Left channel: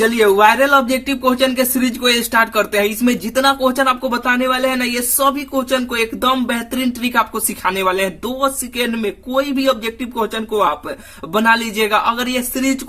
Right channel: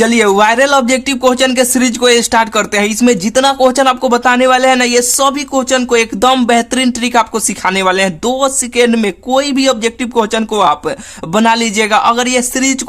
चलिए viral objective question के series को स्टार्ट करते हैं। इसमें जितना क्वेश्चन आपको बताने वाले हैं ना, ये सभी क्वेश्चन को एकदम बेहतरीन ट्रिक आपको सिखाने वाले हैं। 2 सेकेंड में कोई भी ऑब्जेक्टिव क्वेश्चन को आप बना लीजिएगा। अगर ये सीरीज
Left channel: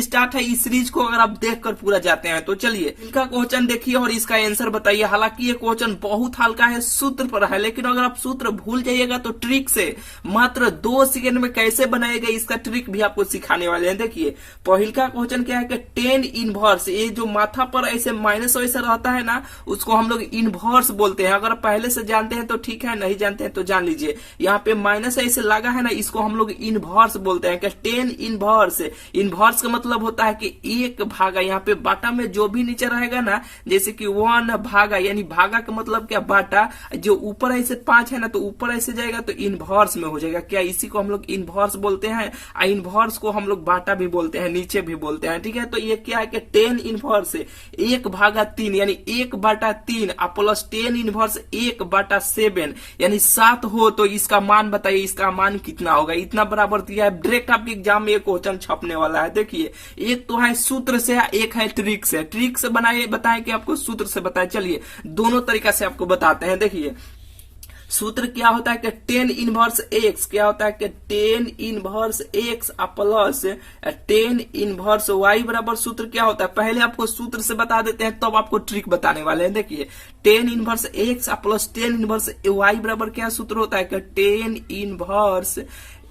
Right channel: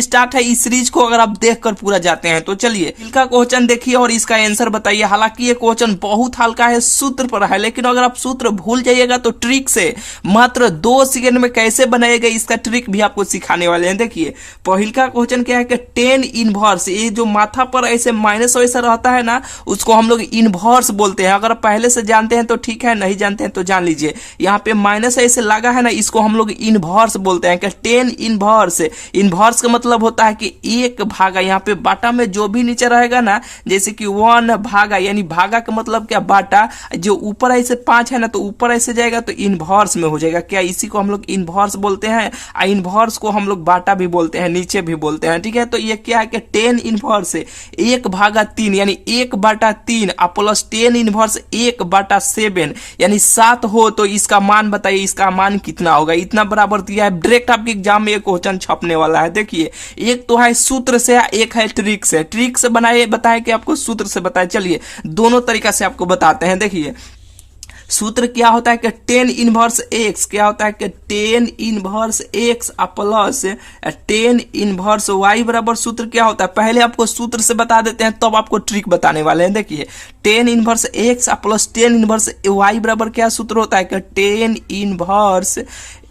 स्टार्ट है, इस सीरीज को अगर आप देखकर पूरा जाते हैं तो चलिए इनका क्वेश्चन देखिए और इसका आंसर बताइए। हालांकि ये क्वेश्चन बहुत हल्का है, सूत्र पर है, लेकिन अगर आप सूत्र भूल जाइएगा तो ट्रिक से मात्र 2 सेकेंड में कैसे बनाएगा इसका ट्रिक भी आपको सिखाने वाले हैं। देखिए पहल का क्वेश्चन क्या है कि 10 इनवर्स, ये जो माथा पर ऐसे माइनस वैसा रहता है ना, उसको हम लोग इनवर्स बोलते हैं। अगर पहले से जानते हैं तो ठीक है, नहीं जानते हैं तो जान लीजिए। यहाँ पे माइनस ऐसे लगा है ना, इसको हम लोग इनवर्स बोलते हैं कि 10 इनवर्स। इनवर्स का मतलब होता है कि एक भागा, यहाँ पे बाटा में जो भी नीचे रहेगा ना, जैसे कि 1 भागा, यानी भागा का मतलब क्या, बाटा। जो ऊपर ऐसे 5 है ना, तो ऊपर ऐसे जाएगा तो इनवर्स में हो जाएगा। क्या इसी को हम लोग इनवर्स बोलते हैं। इनवर्स को हम लोग बाटा भी बोलते हैं, नीचे भी बोलते हैं, ठीक है। तो ये क्या है कि 10 इनवर्स 1/3 यानी 1/3 प्लस 10 इनवर्स 1/7 यानी 7 हो तो इसका मान बताइए, इसका मान कितना होगा। इतना बराबर दिया है, डायरेक्ट आपके एग्जाम में ये क्वेश्चन छपने वाला है। देखिए एक तो है सूत्र से, एक है ट्रिक से। ट्रिक से बनाए बताए कि आपको सूत्र से बताए। चलिए दोनों तरीका से आपको बताते हैं। देखिए सूत्र क्या होता है कि 10 इनवर्स एक्स, क्या होता है कि 10 inverse x plus 10 inverse y बराबर सूत्र क्या होता है। पहले आपको सूत्र से बता देते हैं, तब आपको ट्रिक बताने वाले हैं। देखिए 10 inverse x plus 10 inverse y बराबर क्या सूत्र होता है कि 10 इनवर्स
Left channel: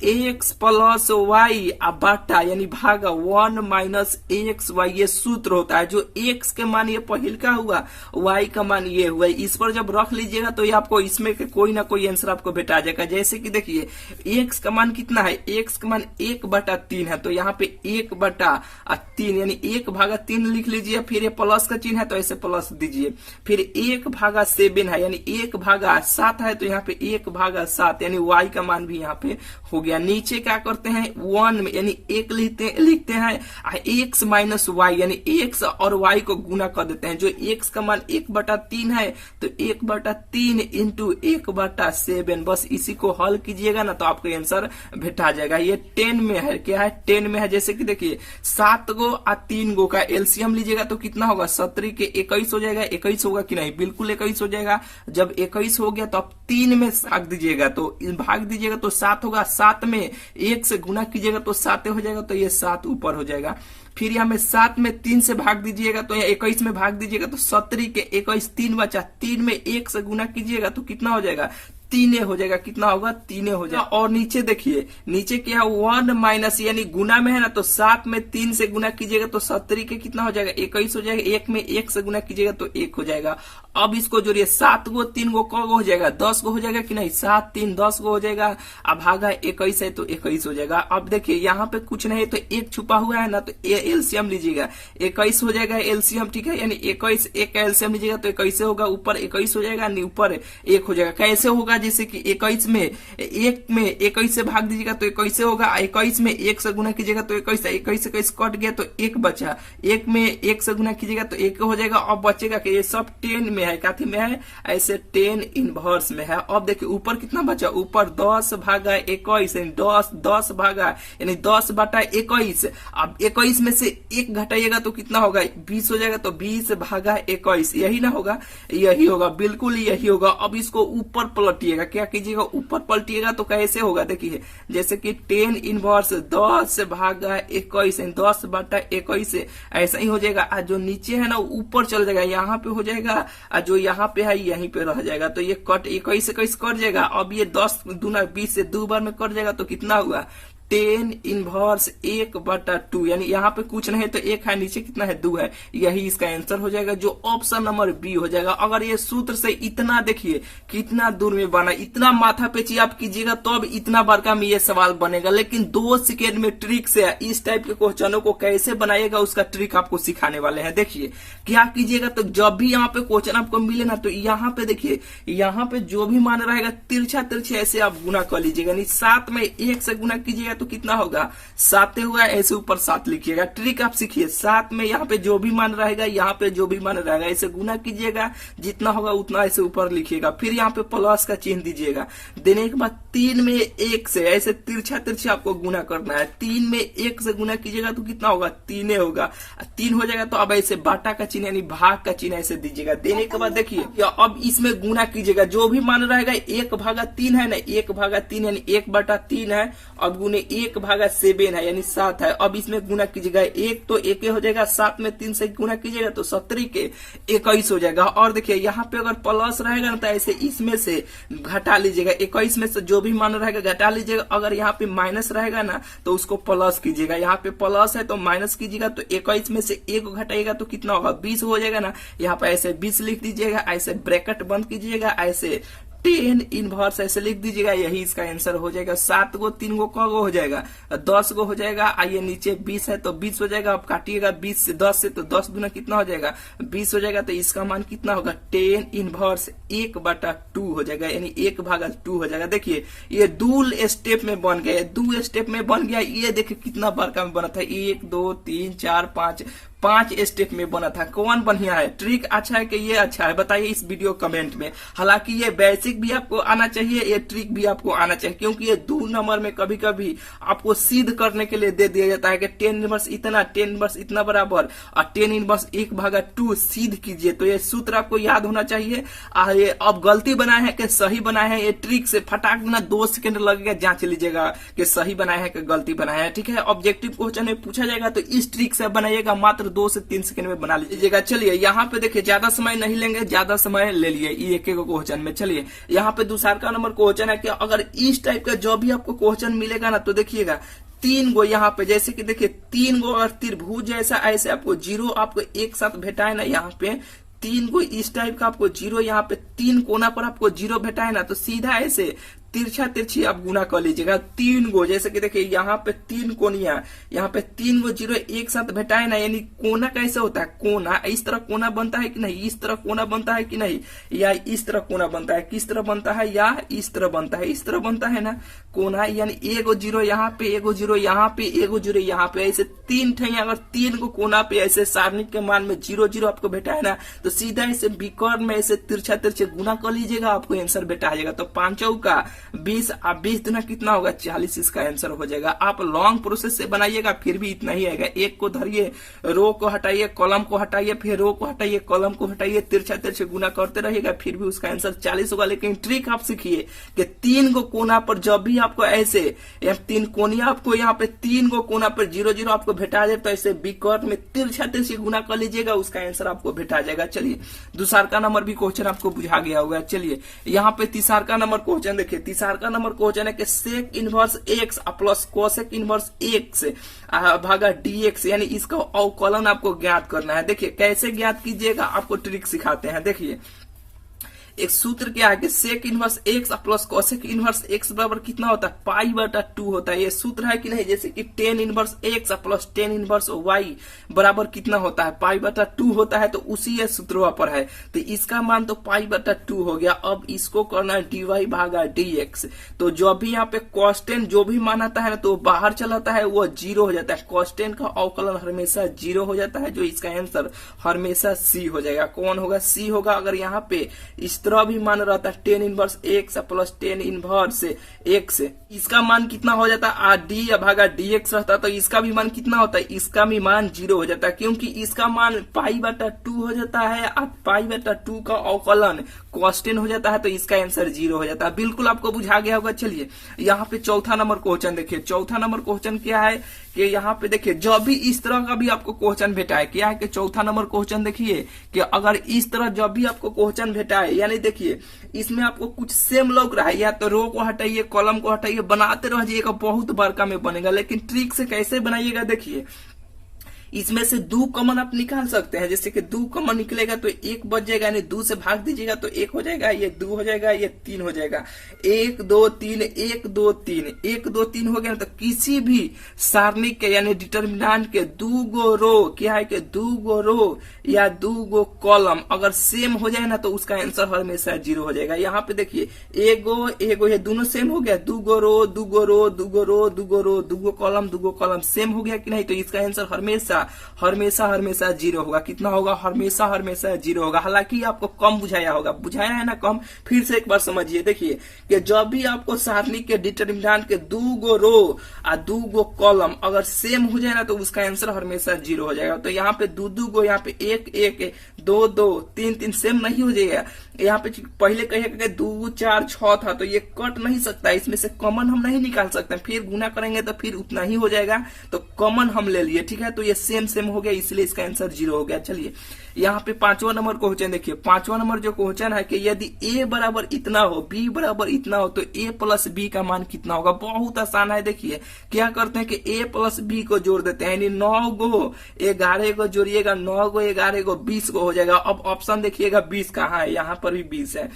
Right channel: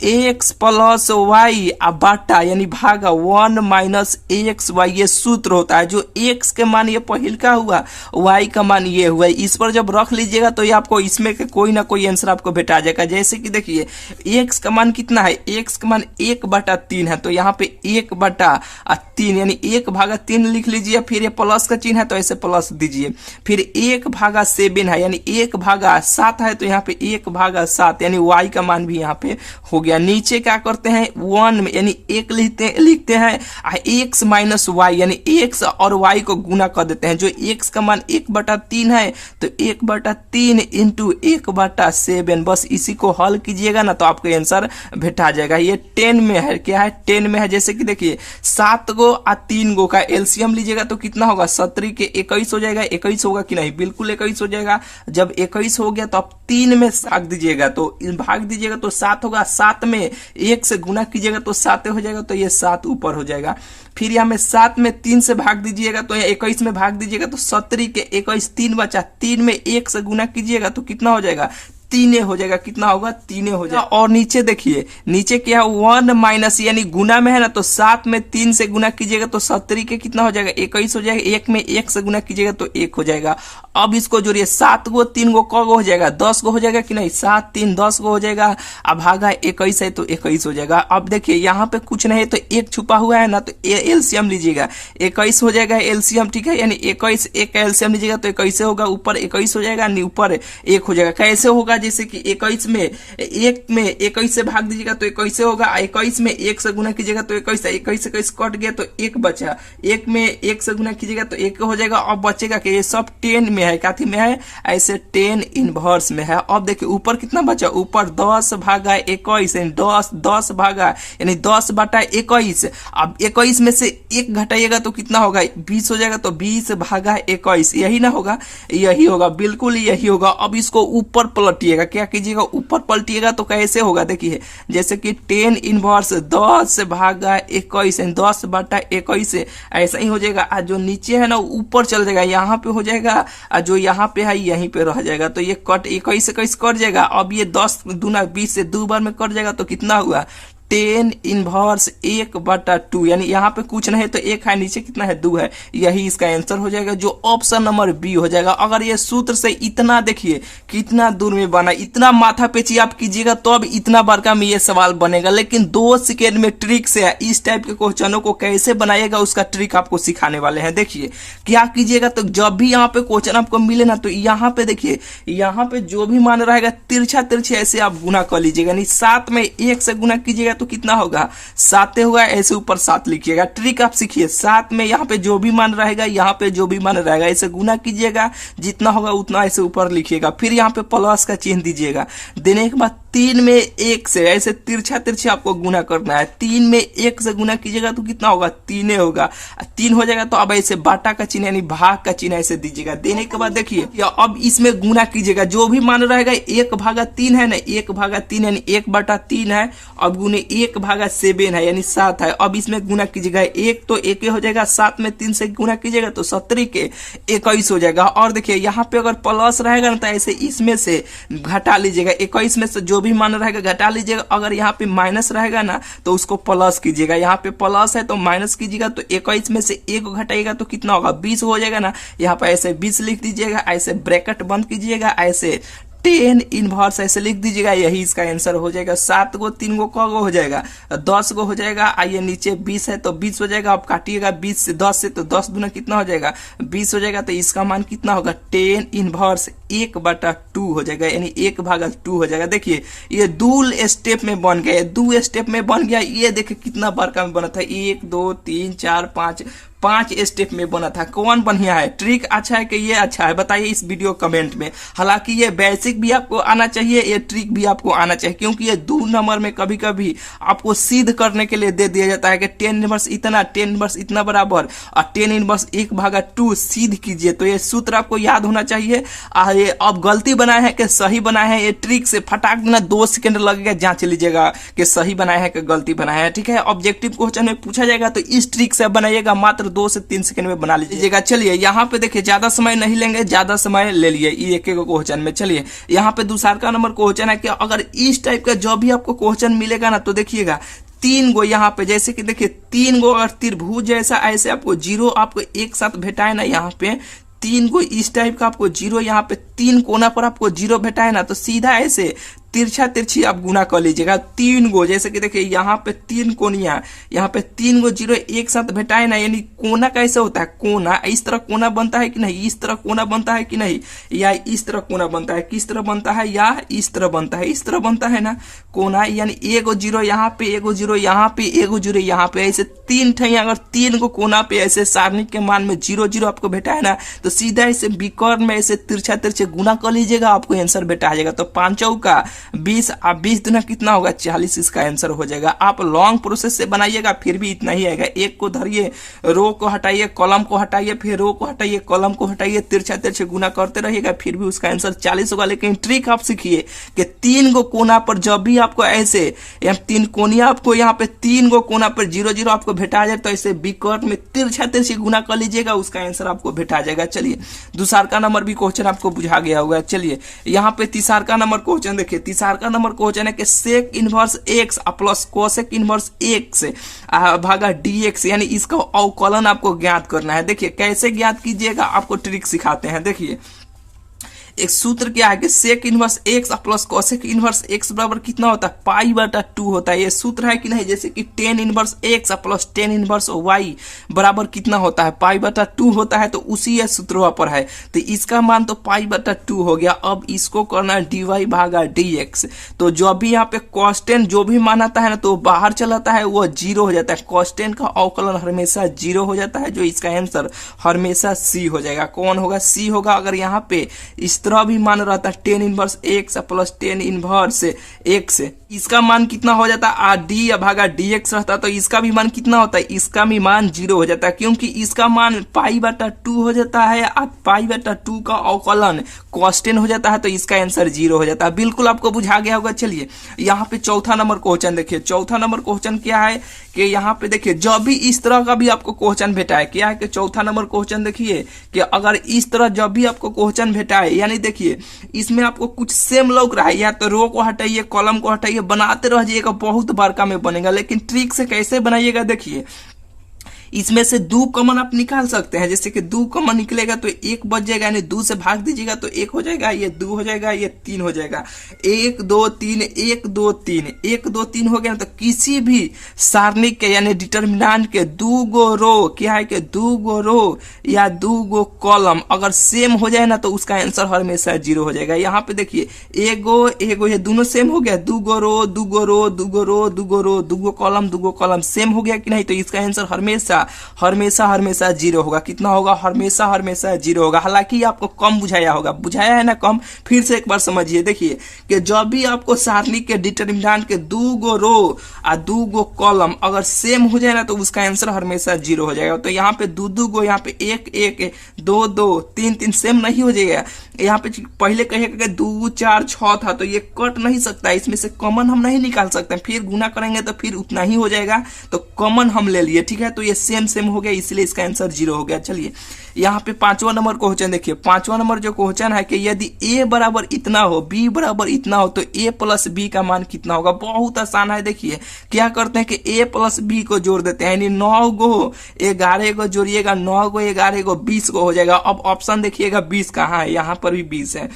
एक्स प्लस वाई बाटा यानी भागा 1 माइनस एक्स वाई, ये सूत्र होता है। जो एक्स के मान ये पहल का हुआ, वाई का मान ये हुआ। इस पर जब रख लीजिएगा तो ये आपको इसमें के कोई ना कोई आंसर आपको भेटा जाएगा। जैसे कि देखिए एक्स का मान कितना है, एक्स का मान 1/3 है, तो यहाँ पे 1/3 यानी 1/3 लिख लीजिए। फिर ये प्लस का चिन्ह है तो ऐसे प्लस दीजिए। फिर 1/7 है यानी 1/7 है, तो यहाँ पे 1/7 यानी वाई का मान भी यहाँ पे हो गया। नीचे क्या करते हैं 1 में यानी 1 लिखते हैं, एक्स माइनस वाई यानी एक्स और वाई को गुना कर देते हैं। जो एक्स का मान 1/3 है तो 1/3 इंटू 1/7, बस इसी को हल कीजिएगा ना तो आपको आंसर भेटा जाएगा। ये 10 में है, क्या है 10 में है। जैसे कि देखिए 7 गो और 3 गो का एलसीएम लीजिएगा तो कितना होगा, 17 के 21 हो जाएगा। 21 होगा कि नहीं, बिल्कुल 21 हो जाएगा। जब 21 हो गया तो आप 3 में भाग दीजिएगा, तो भाग दीजिएगा तो 7 होगा। 7 में 1 से गुना कीजिएगा तो 7 हो जाएगा, तो ये 7 ऊपर हो जाएगा। फिर यहाँ में 7 में 3 से भाग दीजिएगा तो ये 21 में भाग दीजिएगा तो 17 के 21 3 बचा। 3 में 1 से गुना कीजिएगा तो कितना हो जाएगा, 3 हो जाएगा। कितना होगा, 3 हो जाएगा। और नीचे देखिए, नीचे क्या है 1 माइनस यानी गुना में है ना, तो 7 में 3 से गुना कीजिएगा तो 17 के कितना हो जाएगा, 21 हो जाएगा। 1 में 1 से गुना कीजिएगा तो 1 हो जाएगा। अब इसको जोड़िए, 7 गो 3 गो क गो हो जाएगा, 10 गो हो जाएगा कि नहीं, 7 3 10 गो हो जाएगा। अब भागा 21 है तो 21 हो जाएगा। अब देखिए यहाँ पे कुछ नहीं है तो 1 छुपा हुआ है ना, तो एलसीएम लीजिएगा, 21 हो जाएगा एलसीएम, ठीक है। यानी 21 1 का एलसीएम लीजिएगा तो 21 होगा, ऊपर 21 हो जाएगा, ऊपर 1 हो जाएगा। कैसे होगा, जैसे कि 21 में 21 से भाग दीजिएगा तो 21 होगा। 21 में 1 से गुना कीजिएगा तो 21 21 कट गया तो 1 बचा। 1 में 1 से गुना कीजिएगा तो 1 हो जाएगा। अब बचेगा कि ये सब 10 में है, काथी में है, ऐसे 10 इनवर्स में है। अब देखिए ऊपर कितना बचा, ऊपर 10 भागा 21 यानी 10 भागा यानी 10/21। अब 21 में से 1 घटाइएगा तो कितना होगा, 20 हो जाएगा। तो 20 भागा 21 यही ना होगा, यही होगा, बिल्कुल यही होगा। अब इसको ऊपर पलटिएगा, क्या कीजिएगा ऊपर पलटिएगा तो कैसे होगा, देखिए जैसे कि 10 इनवर्स 10 भागा 21 10/21 ऐसा ही हो जाएगा। जो नीचे है ना ऊपर चल जाएगा, यहाँ पे हो जाएगा, जो यहाँ पे है यहीं पे रह जाएगा। तो ये कट 21 से कैसे कट जाएगा। अब ये 10 दूना 20 से 2 बार में कट जाएगा तो कितना हुआ, 10 इनवर्स 1/2 यानी यहाँ पे कुछ नहीं तो 1 है, नीचे कितना है 2 है। यही इसका आंसर हो जाएगा, जो ऑप्शन नंबर बी हो जाएगा। अगर ये सूत्र से इतना देखिए कितना दूर में बना, इतना माथा पेची आप कीजिएगा तो अब इतना बार का में ये सवाल बनेगा। लेकिन 2 सेकेंड में ट्रिक से इस टाइप के क्वेश्चनों को कैसे बनाएगा उसका ट्रिक आपको सिखाने वाले हैं। देखिए क्या कीजिएगा, तो जब भी यहाँ पे क्वेश्चन आपको मिले ना, तो यहाँ पे देखिए, यहाँ पे जो भी मान रहेगा तिरछा तिरछे ऐसे आप गुना कर लीजिएगा। यानी 7 में 1 से गुना कीजिएगा तो कितना होगा, 7 होगा। ऐसे ऊपर 7 लिखिएगा। ट्रिक आप सीखिए, 7 में यहाँ पे जो भी मान रहेगा, यहाँ पे जो भी मान रहेगा, ऐसे गुना कीजिएगा, जितना होगा उतना ऐसे ऊपर लिखिएगा। फिर यहाँ पे प्लस का चिन्ह दीजिएगा। देने के बाद 3 में 1 से ऐसे तिरछा तिरछा आपको गुना करना है। 3 में 1 से गुना कीजिएगा तो कितना होगा, 3 होगा। 3 हो जाएगा तो अब ऐसे बाटा का चिन्ह यानी भाग का चिन्ह ऐसे दीजिएगा। देने के बाद देखिए अब इसमें गुना कीजिएगा, जो भी मान रहेगा 1/3 है ना, 1/3 यानी 1/3 है। अब गुने 1/7 है यानी 7 है। अब इसमें गुना कीजिएगा, 1 तो 1 हो जाएगा, 7 में 3 से गुना कीजिएगा तो 17 के 21 हो जाएगा। और देखिए यहाँ पे अगर प्लस रहेगा ना तो ऐसे इसमें से घटा लीजिएगा, 21 में से जो भी मान रहेगा घटा लीजिएगा। अगर यहाँ पे माइनस रहेगा ना तो उसको प्लस कीजिएगा। यहाँ पे प्लस है तो माइनस कीजिएगा, तो 21 में से 1 घटाइएगा तो कितना होगा, 20 हो जाएगा ना। यहाँ पे ऐसे 20 लिख दीजिएगा, ऐसे ब्रैकेट बंद कीजिएगा, ऐसे 10 इनवर्स ऐसे लिख दीजिएगा। यही इसका आंसर हो जाएगा। 7 गो 3 गो क गो हो जाएगा, 10 गो हो जाएगा। आइए नीचे 20 है तो 20 हो जाएगा। अब काटिएगा 20 से 10 से तो 10 दूना कितना हो जाएगा, 20 हो जाएगा। तो इसका मान कितना होगा, 10 इनवर्स 1/2 हो जाएगा यानी 1/2 हो जाएगा। देखिए ये 2 स्टेप में बन गया, 2 स्टेप में बन गया। ये देखिए कितना बड़का में बना था, 1 2 3 4 5 स्टेप में बना था। कौन बढ़िया है, ट्रिक अच्छा है कि ये अच्छा है, बताइए इस वीडियो कमेंट में। हालांकि ये बेसिक भी आपको आना चाहिए, ये ट्रिक भी आपको आना चाहिए, क्योंकि ये 2 नंबर में कभी कभी आपको सिद्ध करने के लिए दे दिया जाता है कि 10 इनवर्स इतना, 10 इनवर्स इतना बराबर और 10 इनवर्स 1/2 सिद्ध कीजिए। तो ये सूत्र आपको याद होना चाहिए। ये अब गलती बनाए है कि सही बनाए है, ये ट्रिक से फटाक देना 2 सेकंड लगेगा, जांच लीजिएगा कि सही बनाया है कि गलती बनाया है। ठीक है, ऑब्जेक्टिव क्वेश्चन में पूछा जाएगा तो इस ट्रिक से बनाइएगा, मात्र 2 से 3 सेकंड में बना लीजिएगा। चलिए यहाँ पे देखिए ज्यादा समय नहीं लेंगे, ज्यादा समय ले लिए एक एक क्वेश्चन में। चलिए यहाँ पे दूसरा का नंबर क्वेश्चन है कि अगर इस टाइप का जो भी आपको क्वेश्चन मिलेगा ना तो देखिएगा 3 गो यहाँ पे, जैसे कि देखिए 3 गो अगर त्रिभुज जैसा ऐसे आपको जीरो आपको एक साथ भेटाए ना, यहाँ पे 3 गो इस टाइप का आपको जीरो, यहाँ पे 3 कोना पर आपको जीरो भेटाए ना तो सीधा ऐसे तिरछा तिरछी आप गुना कर लीजिएगा। 3 गो, जैसे कि देखिए यहाँ पे 3 कोनिया, यहाँ पे 3 गो जीरो एक साथ भेटाए ना, यानी कोना कैसे होता है, कोना इस तरह कोना बनता है कि नहीं, इस तरह कोना बनता है कि नहीं, या इस तरह कोना बनता है, किस तरह बनता है, या इस तरह बनता है, इस तरह बनता है ना कोना। यानी एगो जीरो यहाँ पे, एगो जीरो यहाँ पे, एगो जीरो यहाँ पे, ऐसे 3 ठे अगर 3 गो कोना पे ऐसे सारणी के मान में 0 0 आपको भेटा है ना तो सीधा ऐसे विकर्ण में ऐसे तिरछा तिरछे गुना कर लीजिएगा, आपको आंसर भेटा जाएगा। तो 5 चौका 20, अब 20 दूना कितना होगा, 40, इसका आंसर हो जाएगा। आप लॉन्ग प्रोसेस से बनाइएगा फिर भी इतना ही आएगा। एक को धरिए, रो को हटाइए, कॉलम को हटाइए, फिर रो को हटाइए, कॉलम को हटाइए, तिरछा तिरछे गुना करते रहिएगा, फिर भी उसका आंसर 40 होगा। लेकिन ट्रिक आप सीखिए कि 3 गो कोना पर जब भी आपको ऐसे 3 कोनिया आपको यहाँ पे 3 गो कोना पर 0 0 आपको भेटा जाए तो ऐसे विकर्ण में तिरछा तिरछी गुना कर लीजिएगा, उसका आंसर आपको भेटा जाएगा। चलिए दूसरा का नंबर भी क्वेश्चन आपको बुझा गया होगा। चलिए यहाँ पे तीसरा का नंबर क्वेश्चन देखिए, तीसरा का नंबर क्वेश्चन है कि sec inverse x plus cosec inverse x भागा dx, यानी इसका अवकलन आपको ज्ञात करना है। देखिए कैसे ज्ञात कीजिएगा, आपको ट्रिक सिखाते हैं। देखिए एक सूत्र क्या है कि sec inverse x plus cosec inverse x बराबर कितना होता है, π/2 होता है। ये सूत्र है कि नहीं, जैसे कि 10 inverse x plus 10 inverse y बराबर कितना होता है, π/2 होता है। तो उसी ये सूत्र वहां पर है, तो इसका मान तो π/2 हो गया। अब इसको करना है dy/dx। तो जो भी यहाँ पे कांस्टेंट जो भी मान आता है ना तो बाहर चलाता है, वो 0 हो जाता है। कांस्टेंट का अवकलन हमेशा 0 हो जाता है, जो इसका आंसर हमेशा सी हो जाएगा। कौन होगा, सी होगा। अगर यहाँ पे इस तरह भी मान रहता है 10 inverse x plus 10 inverse x, इसका मान कितना हो जाता है, dy/dx रहता है तो इसका भी मान कितना होता है, इसका भी मान 0 हो जाता है, क्योंकि इसका मान π/2 हो जाता है। अब π/2 का अवकलन कांस्टेंट हो जाता है तो इसका आंसर 0 हो जाता है। बिल्कुल आपको बुझा गया होगा। चलिए यहाँ पे चौथा नंबर क्वेश्चन देखिए, चौथा नंबर क्वेश्चन क्या है कि यहाँ पे देखिए जब भी इस तरह का भी आपको क्वेश्चन भेटा है, क्या है कि चौथा नंबर क्वेश्चन देखिए कि अगर इस तरह जब भी आपको क्वेश्चन भेटा है, यानी देखिए इसमें आपको कुछ सेम लौक रहा है, या तो रो को हटाइए, कॉलम को हटाइए, बनाते रह जाइएगा, बहुत बड़का में बनेगा। लेकिन ट्रिक से कैसे बनाइएगा, देखिए इसमें से 2 कॉमन आप निकाल सकते हैं। जैसे कि 2 कॉमन निकलेगा तो 1 बच जाएगा, यानी 2 से भाग दीजिएगा तो 1 हो जाएगा, ये 2 हो जाएगा, ये 3 हो जाएगा। 1 2 3 1 2 3 1 2 3 हो गया। तो किसी भी सारणी के यानी डिटर्मिनेंट के 2 गो रो, क्या है कि 2 गो रो या 2 गो कॉलम अगर सेम हो जाए ना तो उसका आंसर हमेशा 0 हो जाएगा। यहाँ पे देखिए एगो एगो ये दोनों सेम हो गया, 2 गो रो 2 गो रो 2 गो रो 2 गो रो 2 गो कॉलम 2 गो कॉलम सेम हो गया कि नहीं, तो इसका आंसर हमेशा हमेशा हमेशा जीरो होगा। कितना होगा? हमेशा हमेशा जीरो होगा। हालांकि आपको कम बुझाया होगा, बुझाया है ना कम। फिर से एक बार समझिए, देखिए कि जब भी आपको सारणी के डिटरमिनेंट के 2 गो रो और 2 गो कॉलम अगर सेम हो जाए ना तो उसका आंसर हमेशा जीरो हो जाएगा। तो यहाँ पे 2 गो, यहाँ पे 1 1, 2 2, 3 3 सेम नहीं हो जाएगा। यहाँ पे पहले कहिएगा 2 4 6 था तो ये कट नहीं सकता, इसमें से कॉमन हम नहीं निकाल सकते। फिर गुना करेंगे तो फिर उतना ही हो जाएगा, तो कॉमन हम ले लिए, ठीक है। तो ये सेम सेम हो गया, इसलिए इसका आंसर जीरो हो गया। चलिए यहाँ पे 5वां नंबर क्वेश्चन देखिए। 5वां नंबर जो क्वेश्चन है कि यदि a बराबर इतना हो, b बराबर इतना हो तो a प्लस b का मान कितना होगा? बहुत आसान है। देखिए क्या करते हैं कि a प्लस b को जोड़ देते हैं, यानी 9 गो 11 को जोड़िएगा, 9 गो 11 को 20 को हो जाएगा। अब ऑप्शन देखिएगा 20 कहाँ है, यहाँ पर भी 20 है।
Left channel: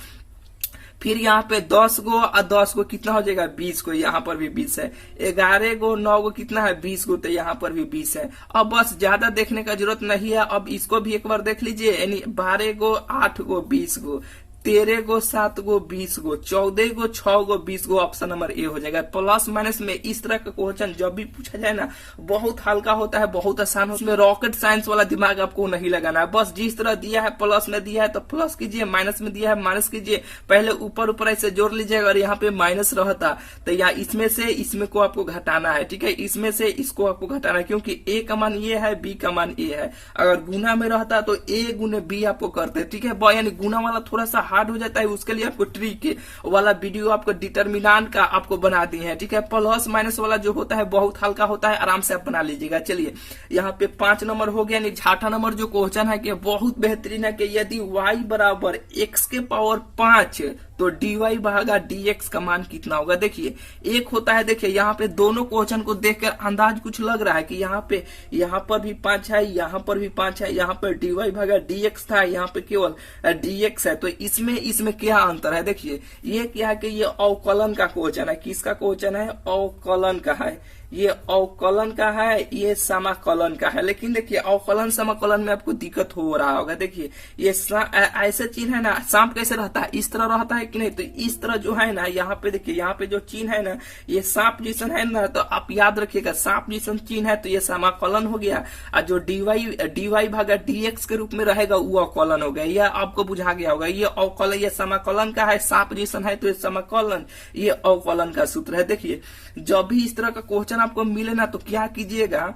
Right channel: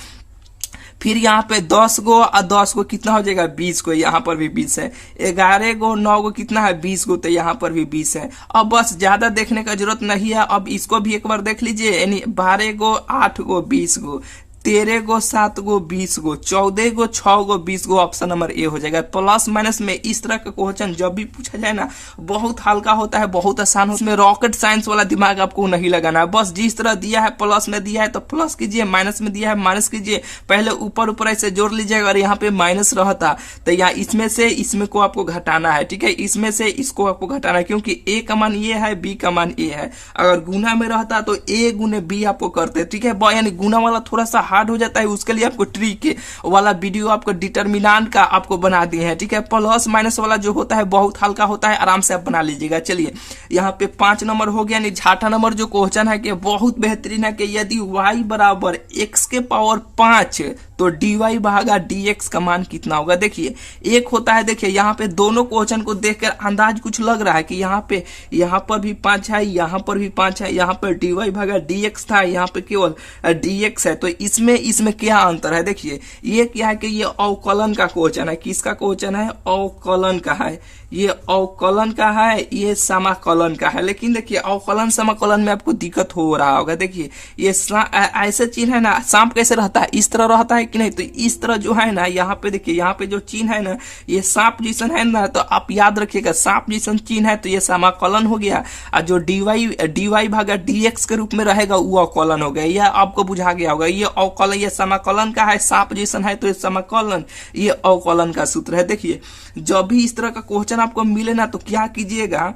फिर यहाँ पे 10 गो और 10 गो कितना हो जाएगा? 20 को, यहाँ पर भी 20 है। 11 गो 9 गो कितना है? 20 गो, तो यहाँ पर भी 20 है। अब बस ज्यादा देखने का जरूरत नहीं है, अब इसको भी एक बार देख लीजिए, यानी 12 गो 8 गो 20 गो, 13 गो 7 गो 20 गो, 14 गो 6 गो 20 गो। ऑप्शन नंबर ए हो जाएगा। प्लस माइनस में इस तरह का क्वेश्चन जब भी पूछा जाए ना, बहुत हल्का होता है, बहुत आसान होता है। उसमें रॉकेट साइंस वाला दिमाग आपको नहीं लगाना है। बस जिस तरह दिया है प्लस में दिया है तो प्लस कीजिए, माइनस में दिया है माइनस कीजिए। पहले ऊपर ऊपर ऐसे जोड़ लीजिएगा और यहाँ पे माइनस रहता तो यहाँ इसमें से इसमें को आपको घटाना है, ठीक है। इसमें से इसको आपको घटाना है, क्योंकि ए का मान ये है, बी का मान ए है। अगर गुना में रहता तो ए गुने बी आपको करते, ठीक है। यानी गुना वाला थोड़ा सा हार्ड हो जाता है, उसके लिए आपको ट्रिक वाला वीडियो आपको डिटरमिनेंट का आपको बना दिए हैं, ठीक है। प्लस माइनस वाला जो होता है बहुत हल्का होता है, आराम से आप बना लीजिएगा। चलिए यहाँ पे 5 नंबर हो गया। 6वां नंबर जो क्वेश्चन है कि बहुत बेहतरीन है कि यदि y बराबर x के पावर 5 तो dy भागा dx का मान कितना होगा? देखिए एक होता है, देखिए यहाँ पे दोनों क्वेश्चन को देखकर अंदाज कुछ लग रहा है कि यहाँ पर भी 5 है, यहाँ पर भी 5 है, यहाँ पर dy भागा dx था, यहाँ पे केवल dx है। तो इसमें क्या अंतर है? देखिए ये क्या है कि ये अवकलन का क्वेश्चन है। किसका क्वेश्चन है? अवकलन का है। ये अवकलन का है, ये समाकलन का है। लेकिन देखिए अवकलन समाकलन में आपको दिक्कत हो रहा होगा। देखिए ये ऐसे चिन्ह है ना, सांप कैसे रहता है? इस तरह रहता है कि नहीं? तो इस तरह जो है ना, यहाँ पे देखिए, यहाँ पे जो चिन्ह है ना, ये सांप जैसन है ना, तो आप याद रखिएगा सांप जैसन चिन्ह है तो ये समाकलन हो गया, और जो dy भागा dx के रूप में रहेगा वो अवकलन हो गया। यह आपको बुझा गया होगा। ये अवकलन, ये समाकलन का है, सांप जैसन है तो ये समाकलन, ये अवकलन का सूत्र है। देखिए जब भी इस तरह का क्वेश्चन आपको मिले ना तो क्या कीजिएगा,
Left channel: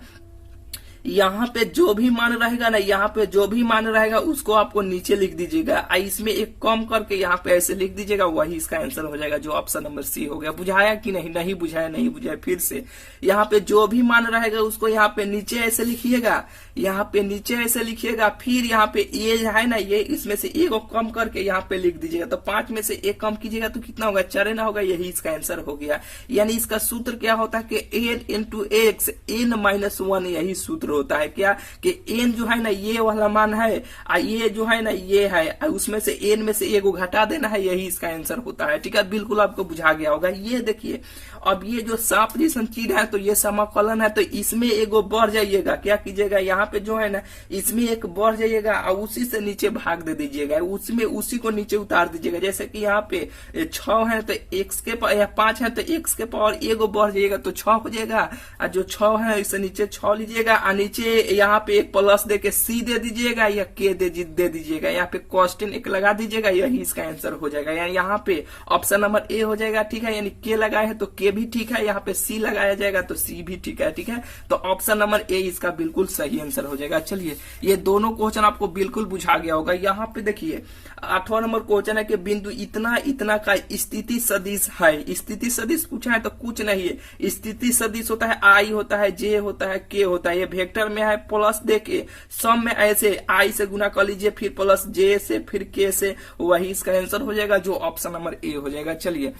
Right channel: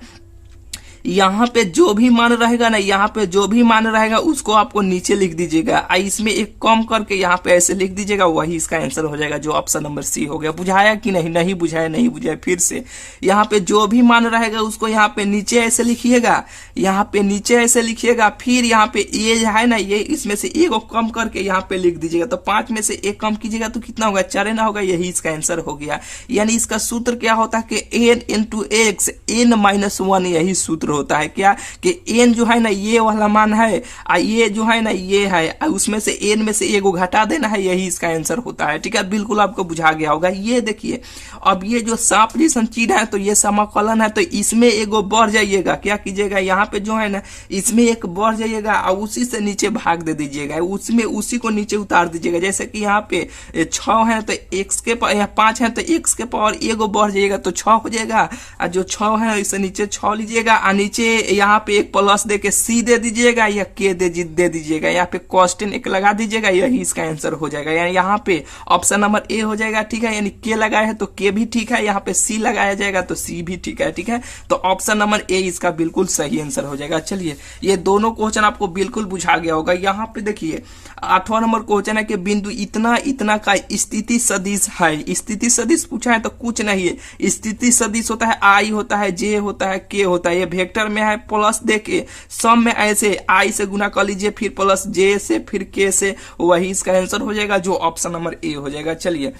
यहाँ पे जो भी मान रहेगा ना, यहाँ पे जो भी मान रहेगा उसको आपको नीचे लिख दीजिएगा, इसमें एक कम करके यहाँ पे ऐसे लिख दीजिएगा, वही इसका आंसर हो जाएगा, जो ऑप्शन नंबर सी हो गया। बुझाया कि नहीं? नहीं बुझाया, नहीं बुझाया। फिर से यहाँ पे जो भी मान रहेगा उसको यहाँ पे नीचे ऐसे लिखिएगा, यहाँ पे नीचे ऐसे लिखिएगा। फिर यहाँ पे ये है ना, ये इसमें से एक कम करके यहाँ पे लिख दीजिएगा। तो 5 में से 1 कम कीजिएगा तो कितना होगा? 4 ना होगा, यही इसका आंसर हो गया। यानी इसका सूत्र क्या होता है कि n इंटू एक्स n-1, यही सूत्र होता है। क्या कि n जो है ना ये वाला मान है, ये जो है ना ये है, उसमें से n में से एगो घटा देना है, यही इसका आंसर होता है, ठीक है। बिल्कुल आपको बुझा गया होगा। ये देखिए अब ये जो सांप जैसन चीज है तो ये समाकलन है, तो इसमें एगो बढ़ जाइएगा। क्या कीजिएगा, यहाँ पे जो है ना इसमें एक बढ़ जाइएगा और उसी से नीचे भाग दे दीजिएगा, उसमें उसी को नीचे उतार दीजिएगा। जैसे कि यहाँ पे 6 है तो x के 5 है तो x के पावर एगो बढ़ जाइएगा तो 6 हो जाएगा, और जो 6 है इससे नीचे 6 लीजिएगा, और नीचे यहाँ पे एक प्लस दे के c दे दीजिएगा या k दे दीजिएगा, यहाँ पे कॉस्टेंट एक लगा दीजिएगा, यही इसका आंसर हो जाएगा। यानी यहाँ पे ऑप्शन नंबर ए हो जाएगा, ठीक है। यानी k लगाया है तो k भी ठीक है, यहाँ पे c लगाया जाएगा तो c भी ठीक है, ठीक है। तो ऑप्शन नंबर ए इसका बिल्कुल सही आंसर हो जाएगा। चलिए ये दोनों क्वेश्चन आपको बिल्कुल बुझा गया होगा। यहाँ पे देखिए 8वां नंबर क्वेश्चन है कि बिंदु इतना इतना का स्थिति सदिश है। स्थिति सदिश पूछा है तो कुछ नहीं है, स्थिति सदिश होता है i होता है, j होता है, k होता है। ये वेक्टर में है, प्लस देके सम में ऐसे i से गुना कर लीजिए, फिर प्लस j से, फिर k से, वही इसका आंसर हो जाएगा, जो ऑप्शन नंबर ए हो जाएगा। चलिए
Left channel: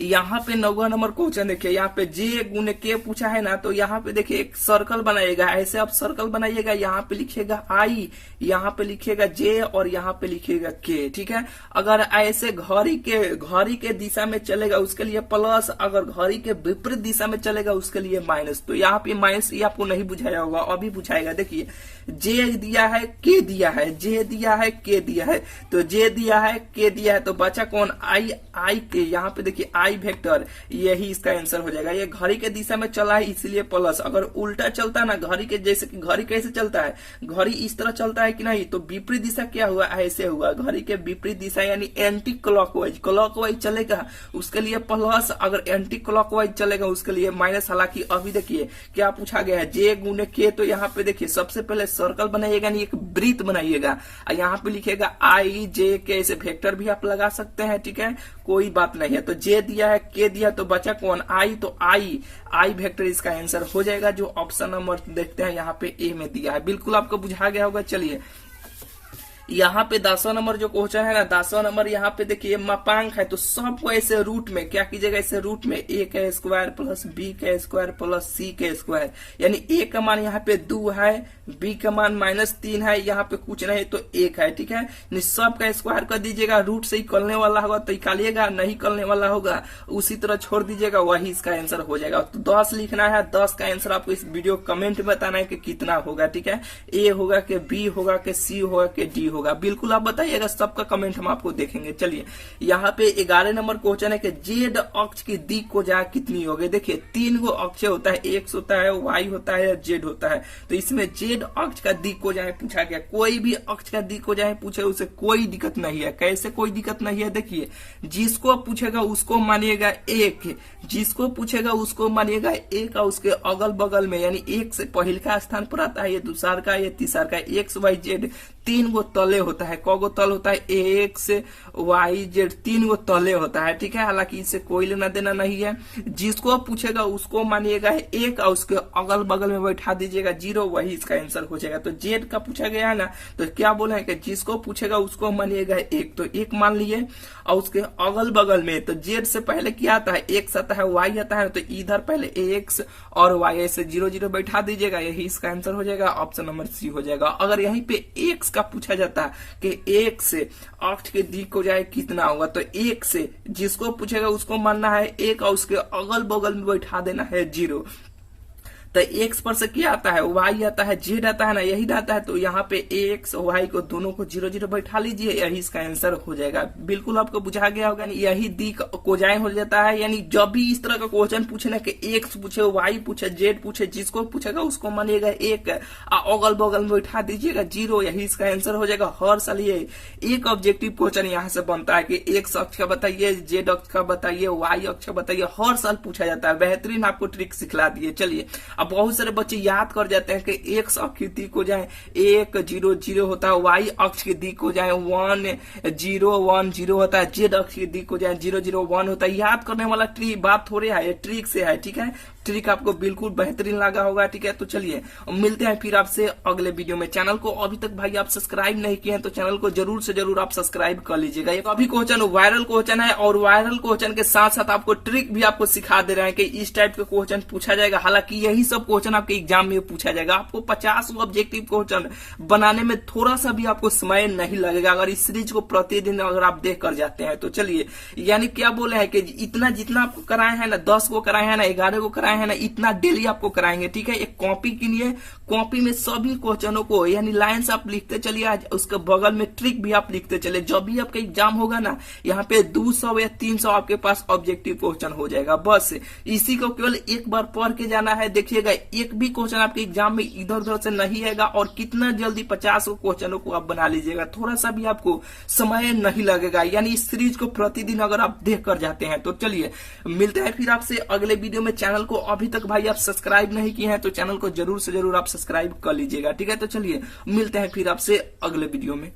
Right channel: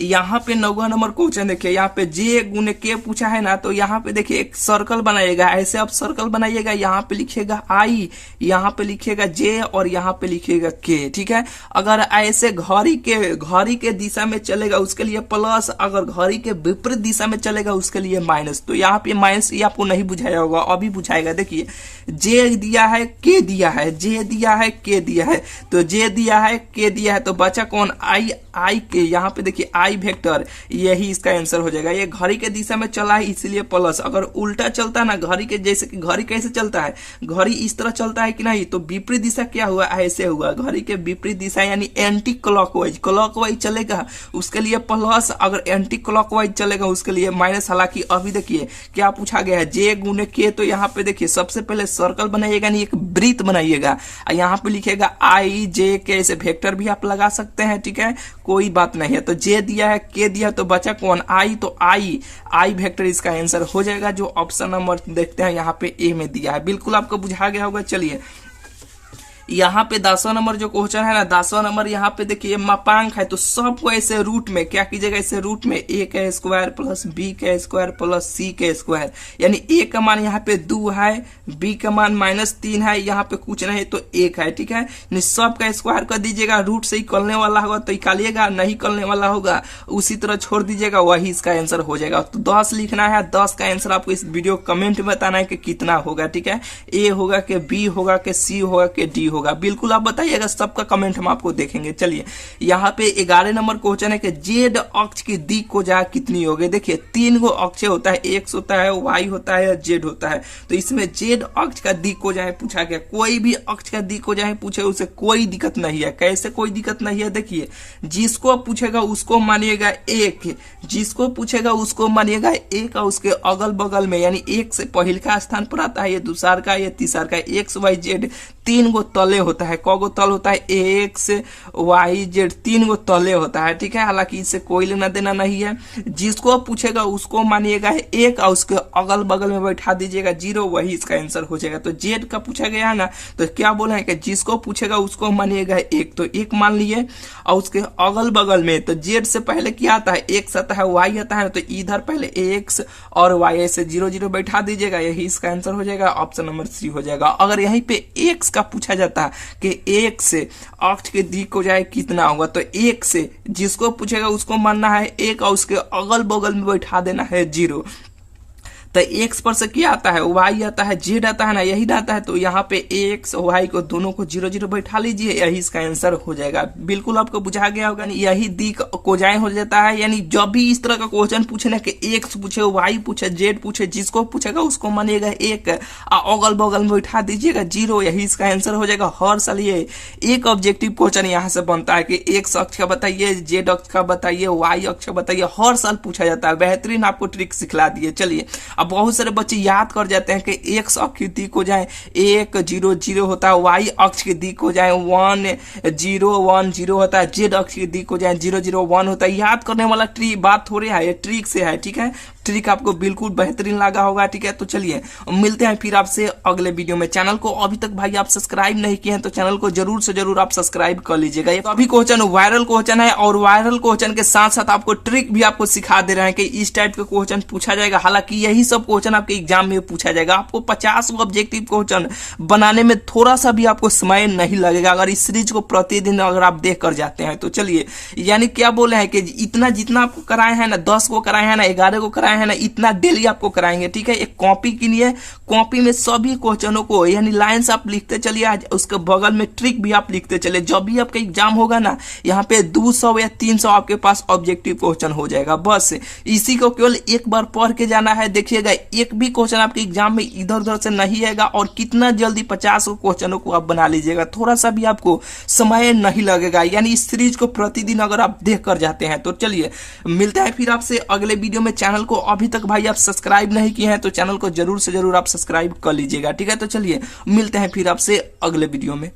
यहाँ पे 9वां नंबर क्वेश्चन देखिए, यहाँ पे j गुने k पूछा है ना, तो यहाँ पे देखिए एक सर्कल बनाइएगा। ऐसे आप सर्कल बनाइएगा, यहाँ पे लिखिएगा i, यहाँ पे लिखिएगा j और यहाँ पे लिखिएगा k, ठीक है। अगर ऐसे घड़ी के दिशा में चलेगा उसके लिए प्लस, अगर घड़ी के विपरीत दिशा में चलेगा उसके लिए माइनस। तो यहाँ पे माइनस ये आपको नहीं बुझाया होगा, अभी बुझाएगा। देखिए j दिया है, k दिया है, j दिया है, k दिया है, तो j दिया है, k दिया है, तो बचा कौन? i के। यहाँ पे देखिए आई वेक्टर, यही इसका आंसर हो जाएगा। ये घड़ी के दिशा में चला है इसलिए प्लस, अगर उल्टा चलता ना घड़ी के, जैसे कि घड़ी कैसे चलता है, घड़ी इस तरह चलता है कि नहीं, तो विपरीत दिशा क्या हुआ, ऐसे हुआ। घड़ी के विपरीत दिशा यानी एंटी क्लॉकवाइज, क्लॉकवाइज चलेगा उसके लिए प्लस, अगर एंटी क्लॉकवाइज चलेगा उसके लिए माइनस। हालांकि अभी देखिए क्या पूछा गया है, जे गुने के, तो यहाँ पे देखिए सबसे पहले सर्कल बनाइएगा, नहीं एक वृत्त बनाइएगा, यहाँ पे लिखेगा आई जे के, ऐसे वेक्टर भी आप लगा सकते हैं, ठीक है, कोई बात नहीं है। तो जे दिया है, के दिया, तो बचा कौन, आई, तो आई वेक्टर इसका आंसर हो जाएगा, जो ऑप्शन नंबर देखते हैं यहाँ पे ए में दिया है। बिल्कुल आपको बुझा गया होगा। चलिए यहाँ पे 10वां नंबर जो क्वेश्चन है ना, 10वां नंबर यहाँ पे देखिए मापांक है, तो सबको ऐसे रूट में क्या कीजिएगा, ऐसे रूट में ए का स्क्वायर प्लस बी का स्क्वायर प्लस सी का स्क्वायर, यानी ए का मान यहाँ पे 2 है, बी का मान -3 है, यहाँ पे कुछ नहीं तो 1 है, ठीक है। सब का स्क्वायर कर दीजिएगा, रूट से ही निकलने वाला होगा तो निकालिएगा, नहीं निकलने वाला होगा उसी तरह छोड़ दीजिएगा, वही इसका आंसर हो जाएगा। तो 10 लिखना है, 10 का आंसर आपको इस वीडियो कमेंट में बताना है कि कितना होगा, ठीक है, ए होगा कि बी होगा कि सी होगा कि डी होगा, बिल्कुल आप बताइएगा, सबका कमेंट हम आपको देखेंगे। चलिए यहाँ पे 11 नंबर क्वेश्चन है कि जेड अक्ष की दिक को जा कितनी होगी। देखिए 3 गो अक्ष होता है, एक्स होता है, वाई होता है, जेड होता है, तो इसमें जेड अक्ष का दिक को जाए पूछा गया। कोई भी अक्ष का दिक को जाए पूछे उसे कोई दिक्कत नहीं है। कैसे कोई दिक्कत नहीं है, देखिए जिसको पूछेगा उसको मानिएगा 1, जिसको पूछेगा उसको मानिएगा 1, और उसके अगल बगल में यानी 1 से पहले का स्थान पर आता है, ये दूसरा का, ये तीसरा का, एक्स वाई जेड 3 गो तले होता है। कौगो तल होता है, एक्स वाई जेड 3 गो तले होता है, ठीक है। हालांकि इससे कोई लेना देना नहीं है। जिसको पूछेगा उसको मानिएगा 1, और उसके अगल बगल में बैठा दीजिएगा 0, वही इसका आंसर हो जाएगा। तो जेड का पूछा गया है ना, तो क्या बोले हैं कि जिसको पूछेगा उसको मानिएगा 1, तो 1 मान लिए, और उसके अगल बगल में तो जेड से पहले क्या आता है, एक्स आता है, वाई आता है, तो इधर पहले एक्स और वाई से 0 0 बैठा दीजिएगा, यही इसका आंसर हो जाएगा, ऑप्शन नंबर सी हो जाएगा। अगर यहीं पे एक्स का पूछा जाता है कि 1 से अक्ष के दिक को जाए कितना होगा, तो 1 से जिसको पूछेगा उसको मानना है 1, और उसके अगल बगल में बैठा देना है 0। तो एक्स पर से क्या आता है, वाई आता है, जेड आता है ना, यही आता है, तो यहाँ पे एक्स वाई को दोनों को 0 0 बैठा लीजिए, यही इसका आंसर हो जाएगा। बिल्कुल आपको बुझा गया होगा, यही दिक कोजाए हो जाता है। यानी जब भी इस तरह का क्वेश्चन पूछे ना कि एक्स पूछे, वाई पूछे, जेड पूछे, जिसको पूछेगा उसको मानिएगा 1, अगल बगल में बैठा दीजिएगा 0, यही इसका आंसर हो जाएगा। हर साल ये एक ऑब्जेक्टिव क्वेश्चन यहाँ से बनता है कि एक्स अक्ष का बताइए, जेड अक्ष का बताइए, वाई अक्ष का बताइए, हर साल पूछा जाता है। बेहतरीन आपको ट्रिक सिखला दिए। चलिए अब बहुत सारे बच्चे याद कर जाते हैं कि एक्स अक्ष की दिक हो जाए 1 0 0 होता है, वाई अक्ष की दिक हो जाए 1 0 1 0 होता है, जेड अक्ष की दिक हो जाए 0 0 1 होता है। याद करने वाला ट्रिक बात थोड़ी है, ये ट्रिक से है, ठीक है। ट्रिक आपको बिल्कुल बेहतरीन लगा होगा, ठीक है। तो चलिए मिलते हैं फिर आपसे अगले वीडियो में। चैनल को अभी तक भाई आप सब्सक्राइब नहीं किए हैं तो चैनल को जरूर से जरूर आप सब्सक्राइब कर लीजिएगा। ये अभी क्वेश्चन वायरल क्वेश्चन है, और वायरल क्वेश्चन के साथ साथ आपको ट्रिक भी आपको सिखा दे रहे हैं कि इस टाइप के क्वेश्चन पूछा जाएगा। हालांकि यही सब क्वेश्चन आपके एग्जाम में पूछा जाएगा। आपको 50 ऑब्जेक्टिव क्वेश्चन बनाने में थोड़ा सा भी आपको समय नहीं लगेगा, अगर इस सीरीज को प्रतिदिन अगर आप देख कर जाते हैं तो। चलिए यानी क्या बोले हैं कि इतना जितना आपको कराए हैं ना, 10 को कराए हैं ना, 11 को कराए हैं ना, इतना डेली आपको कराएंगे, ठीक है। एक कॉपी किनिए, कॉपी में सभी क्वेश्चनों को यानी लाइंस आप लिखते चलिए, उसके बगल में ट्रिक भी आप लिखते चलिए। जब भी आपका एग्जाम होगा ना, यहाँ पे 200 या 300 आपके पास ऑब्जेक्टिव क्वेश्चन हो जाएगा। बस इसी को केवल एक बार पढ़ के जाना है। देखिएगा एक भी क्वेश्चन आपके एग्जाम में इधर उधर से नहीं आएगा, और कितना जल्दी 50 क्वेश्चनों को आप बना लीजिएगा, थोड़ा सा भी आपको समय नहीं लगेगा। यानी इस सीरीज को प्रतिदिन अगर आप देख कर जाते हैं तो। चलिए मिलते हैं फिर आपसे अगले वीडियो में। चैनल को अभी तक भाई आप सब्सक्राइब नहीं किए हैं तो चैनल को जरूर से जरूर आप सब्सक्राइब कर लीजिएगा, ठीक है। तो चलिए मिलते हैं फिर आपसे अगले वीडियो में।